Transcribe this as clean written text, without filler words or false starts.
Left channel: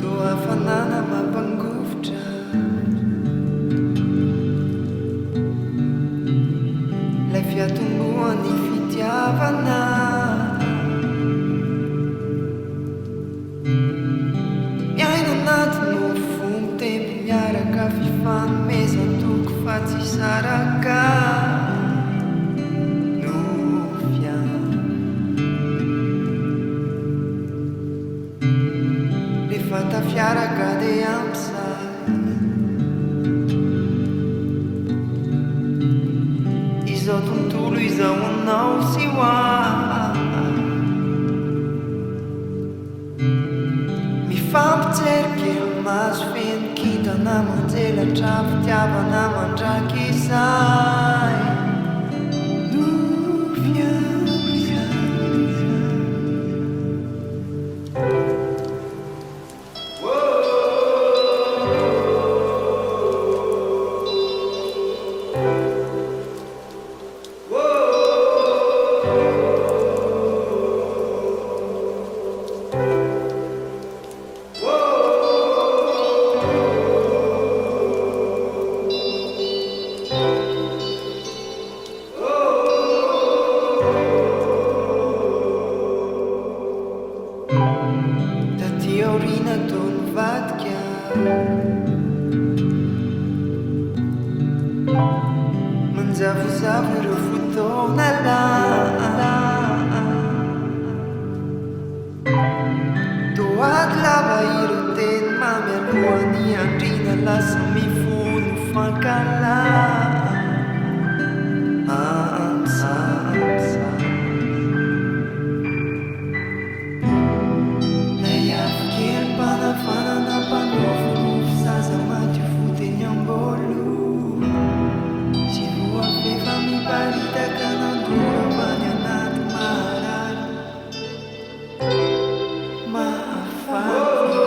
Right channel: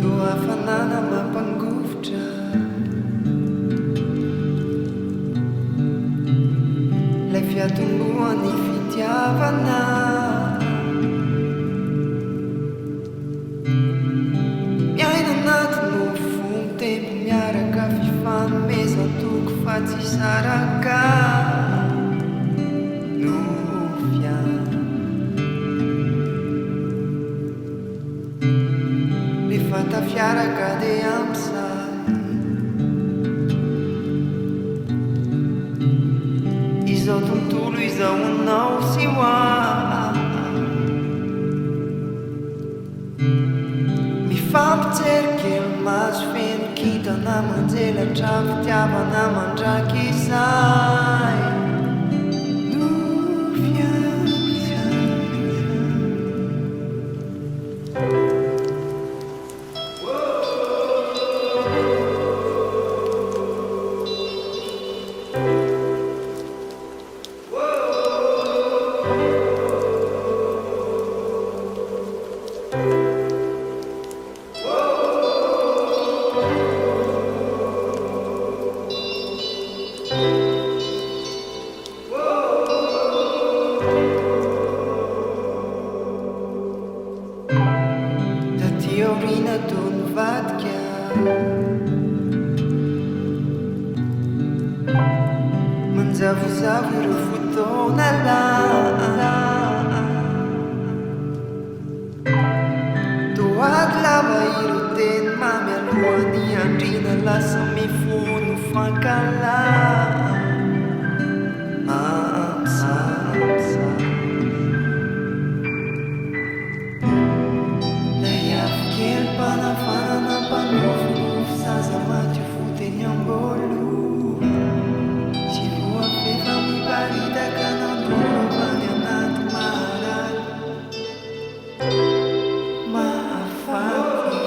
Toafanana mampangovotra lay fiatombohan'ny fitiavana miaina anaty mofombo tempo miaraka fifanomezan-toko fa tsy saraka no fiana rehefa tafiaraka dia ampysay izao tontolo izao anao sy hoa mifampijery kely maso feno kintana manjelatra fitiavana mandraky izay no fiana Taoriana toy ny vadika manjavozavo ireo fotoana toady lava ireo teny mamy alohany andrina lasa mifono fankala Panafanana panofonofo zaza maty foteny ambolo sy voafefa miparitaka nandoro avany anaty maharay mahafaty